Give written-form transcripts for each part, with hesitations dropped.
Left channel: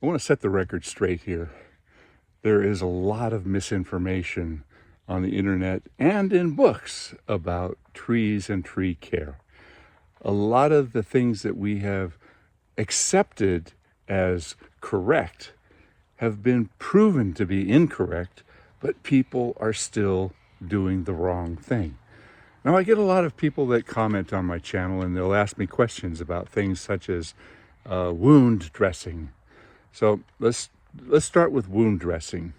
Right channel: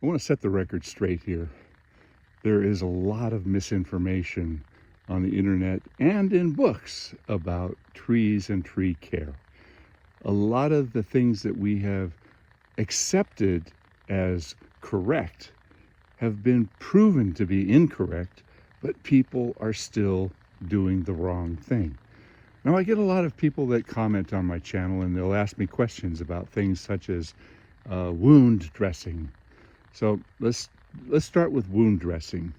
I want to set the record straight here. There is a lot of misinformation on the internet and in books about trees and tree care. A lot of the things that we have accepted as correct have been proven to be incorrect, but people are still doing the wrong thing. Now, I get a lot of people that comment on my channel and they'll ask me questions about things such as wound dressing. So let's start with wound dressing.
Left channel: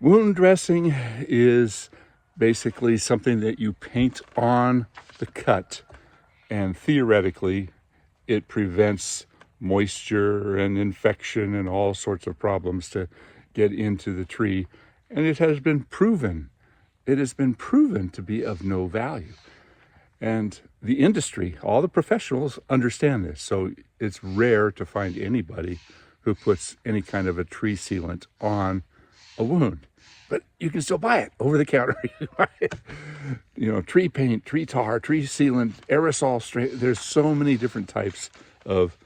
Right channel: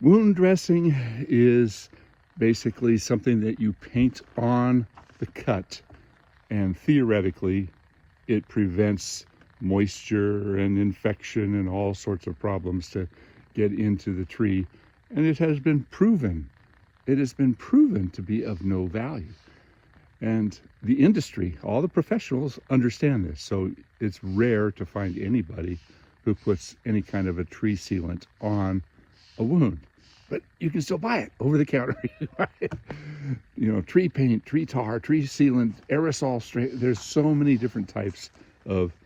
Wound dressing is basically something that you paint on the cut, and theoretically it prevents moisture and infection and all sorts of problems to get into the tree. And it has been proven to be of no value. And the industry, all the professionals understand this. So it's rare to find anybody who puts any kind of a tree sealant on a wound. But you can still buy it over the counter. You know, tree paint, tree tar, tree sealant, aerosol straight. There's so many different types of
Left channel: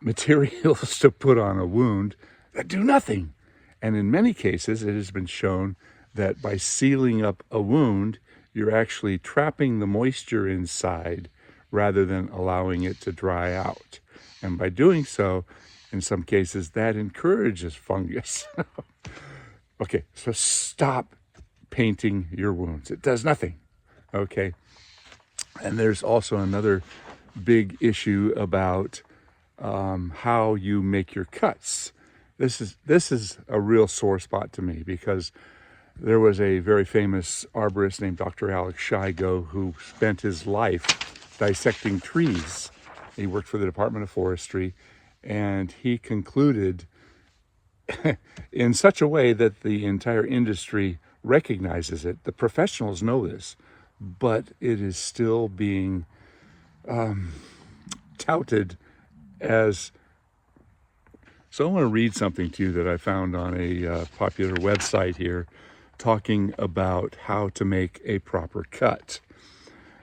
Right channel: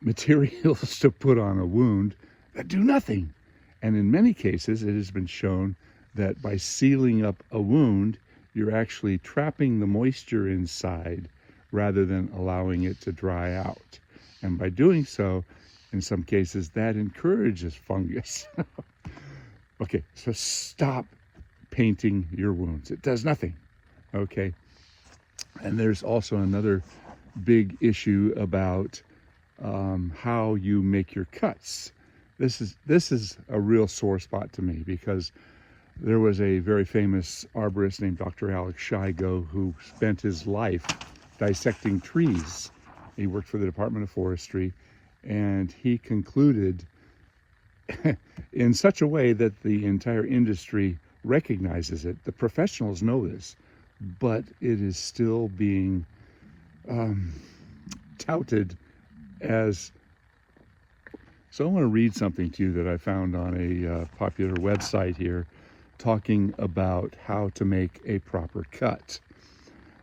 materials to put on a wound that do nothing. And in many cases, it has been shown that by sealing up a wound, you're actually trapping the moisture inside rather than allowing it to dry out. And by doing so, in some cases, that encourages fungus. Okay, so stop painting your wounds. It does nothing, okay? And there's also another big issue about how you make your cuts. This is a real sore spot to me, because there was a very famous arborist named Dr. Alex Shigo who spent his life dissecting trees. He worked for the Department of Forestry, and he concluded in such a way that the entire industry recognizes it. The professionals know this, but it is still being touted as. So I want to read something to you that I found on a popular website here, talking about how to make a proper cut.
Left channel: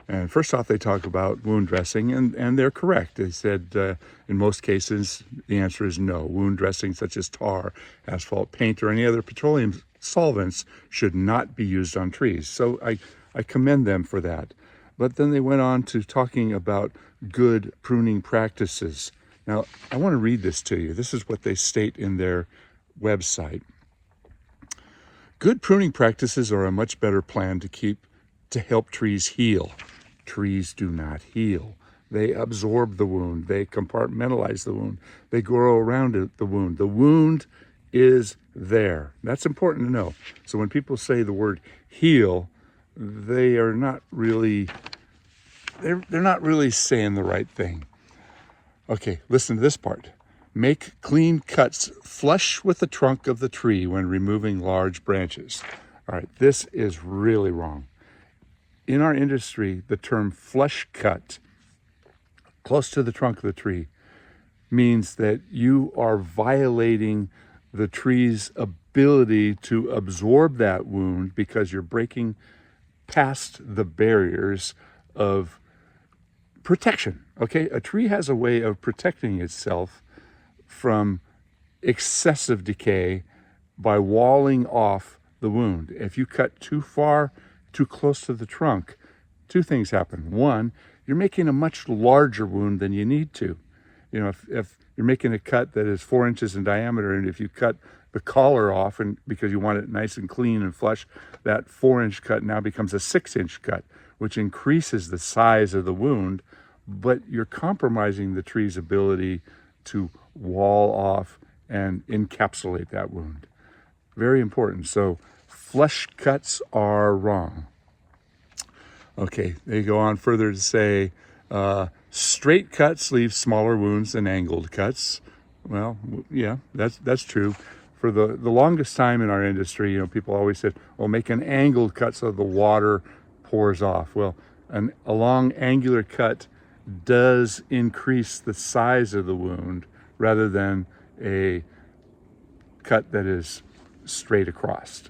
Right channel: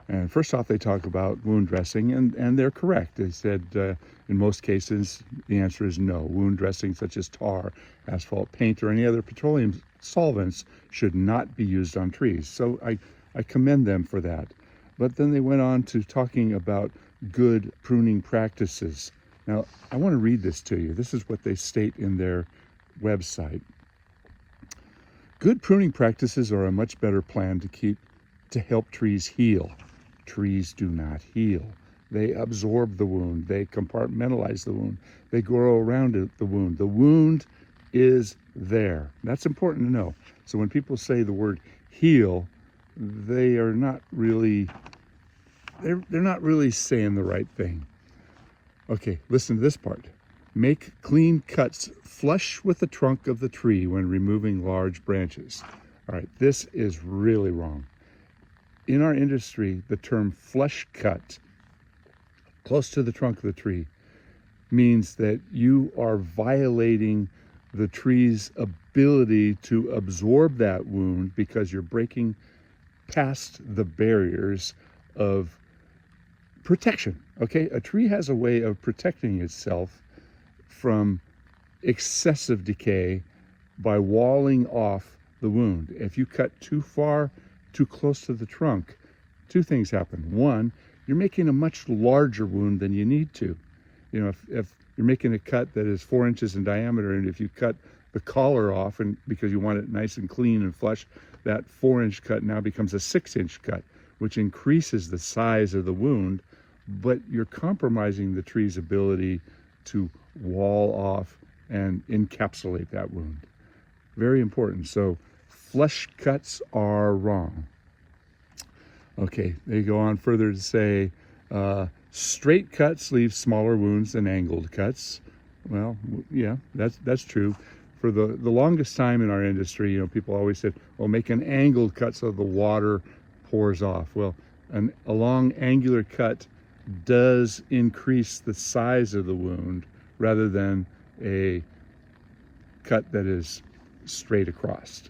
And first off, they talk about wound dressing, and they're correct. They said in most cases, the answer is no. Wound dressing such as tar, asphalt paint, or any other petroleum solvents should not be used on trees. So I commend them for that. But then they went on to talking about good pruning practices. Now, I want to read this to you. This is what they state in their website. Good pruning practices are a much better plan to help trees heal. Trees do not heal. They absorb the wound. They compartmentalize the wound. They grow around the wound. The wound is there. That's important to know. So when people say the word heal, they are not really, they're not really saying the right thing. Okay, listen to this part. Make clean cuts flush with the trunk of the tree when removing large branches. All right, this is really wrong. In our industry, the term flush cut, close to the trunk of the tree, means that you are violating the tree's ability to absorb that wound because you're breaking past the barriers of protection. Okay, a tree has a way of protecting itself from excessive decay by walling off the wound. If you cut too far, too close to the trunk, two things happen. One, you're making a much larger wound than you need to. You know, if you're making a cut that is 4 inches in diameter, and if you cut the collar off, and because you want it nice and clean and flush, that 4-inch cut now becomes a 6-inch cut, which increases the size of the wound, but you're compromising the tree's ability to wall off and encapsulate that wound. Very important. So flush cuts are wrong. Okay, they go on further to say straight cuts leave smaller wounds than angled cuts. Well, yeah, that's true. For the longest time in our industry, you know, people always said, well, make an angled cut so the water pours off. Well, a long angular cut does increase the size of the wound rather than a cut that is straight across.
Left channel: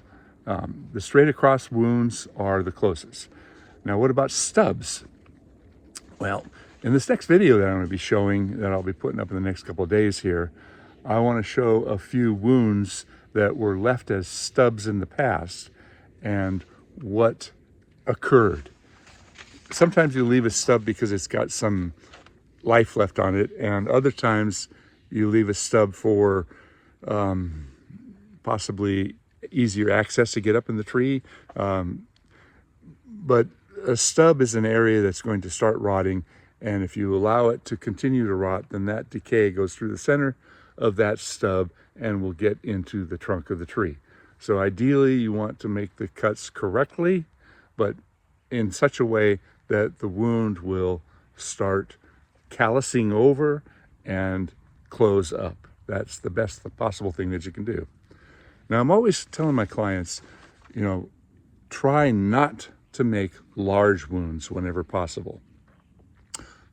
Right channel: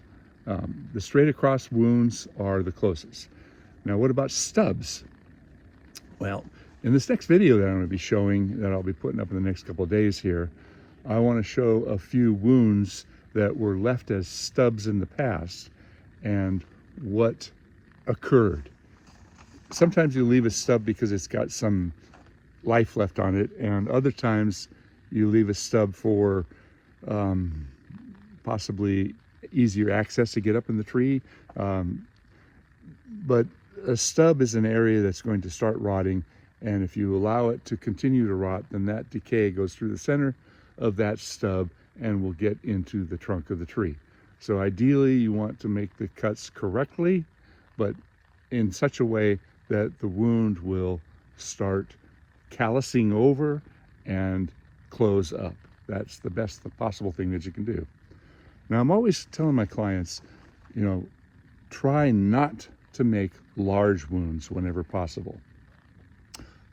The straight across wounds are the closest. Now, what about stubs? Well, In this next video that I'm going to be showing, that I'll be putting up in the next couple of days here, I want to show a few wounds that were left as stubs in the past and what occurred. Sometimes you leave a stub because it's got some life left on it, and other times you leave a stub for possibly easier access to get up in the tree. But a stub is an area that's going to start rotting, and if you allow it to continue to rot, then that decay goes through the center of that stub and will get into the trunk of the tree. So ideally you want to make the cuts correctly, but in such a way that the wound will start callousing over and close up. That's the best possible thing that you can do. Now, I'm always telling my clients, try not to make large wounds whenever possible.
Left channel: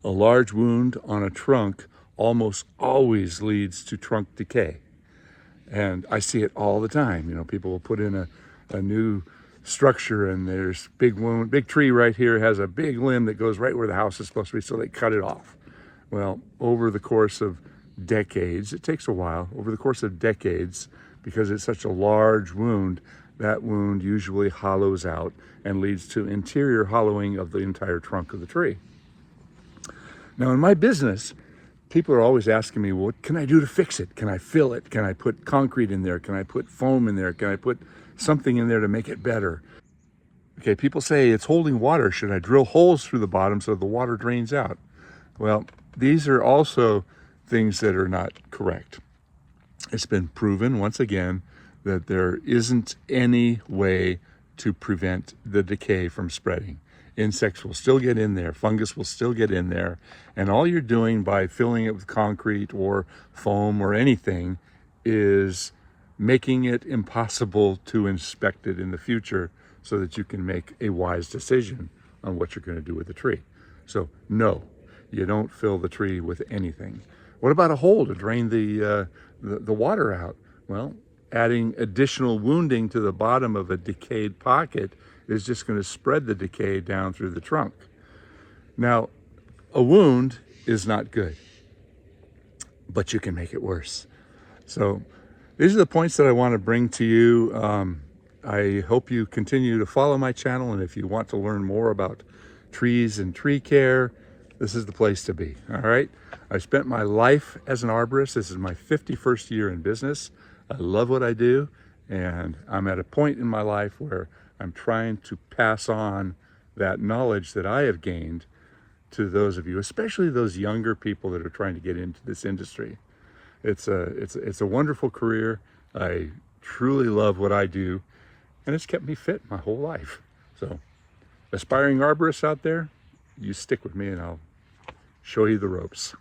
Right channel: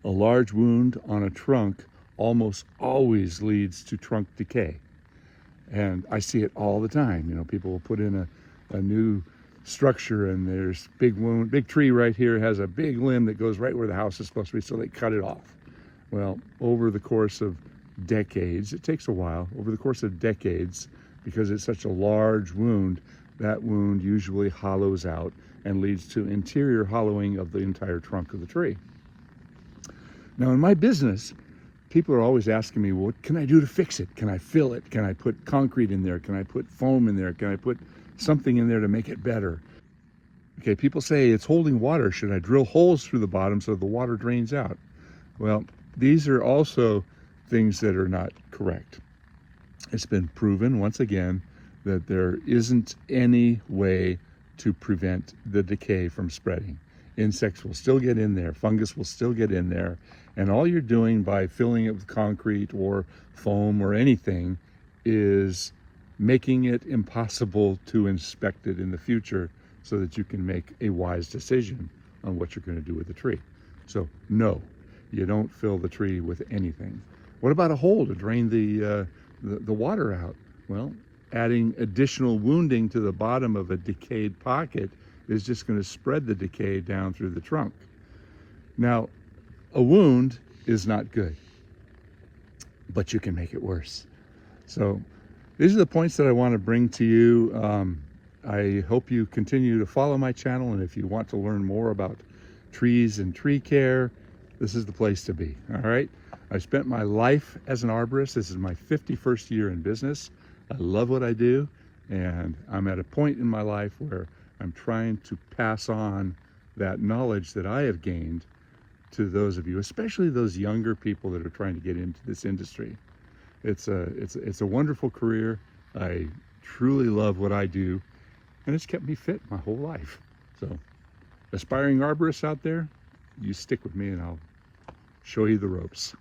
A large wound on a trunk almost always leads to trunk decay. And I see it all the time. People will put in a new structure and there's big tree right here, has a big limb that goes right where the house is supposed to be, so they cut it off. Well, over the course of decades, it takes a while, over the course of decades, because it's such a large wound, that wound usually hollows out and leads to interior hollowing of the entire trunk of the tree. Now, in my business, people are always asking me, well, what can I do to fix it? Can I fill it? Can I put concrete in there? Can I put foam in there? Can I put something in there to make it better? Okay, people say it's holding water. Should I drill holes through the bottom so the water drains out? Well, these are also things that are not correct. It's been proven once again that there isn't any way to prevent the decay from spreading. Insects will still get in there, fungus will still get in there, and all you're doing by filling it with concrete or foam or anything is making it impossible to inspect it in the future so that you can make a wise decision on what you're going to do with the tree. So no, you don't fill the tree with anything. What about a hole to drain the water out? Well, adding additional wounding to the bottom of a decayed pocket is just going to spread the decay down through the trunk. Now, a wound is not good, but you can make it worse. So these are the points that I want to bring to you. I hope you continue to follow my channel, and if you want to learn more about trees and tree care, this is the place to be, all right? I spent my life as an arborist. This is my 51st year in business. I love what I do, and I'm at a point in my life where I'm trying to pass on that knowledge that I have gained to those of you, especially those younger people that are trying to get into this industry. It's a wonderful career. I truly love what I do, and it's kept me fit my whole life. So, aspiring arborists out there, you stick with me and I'll show you the ropes.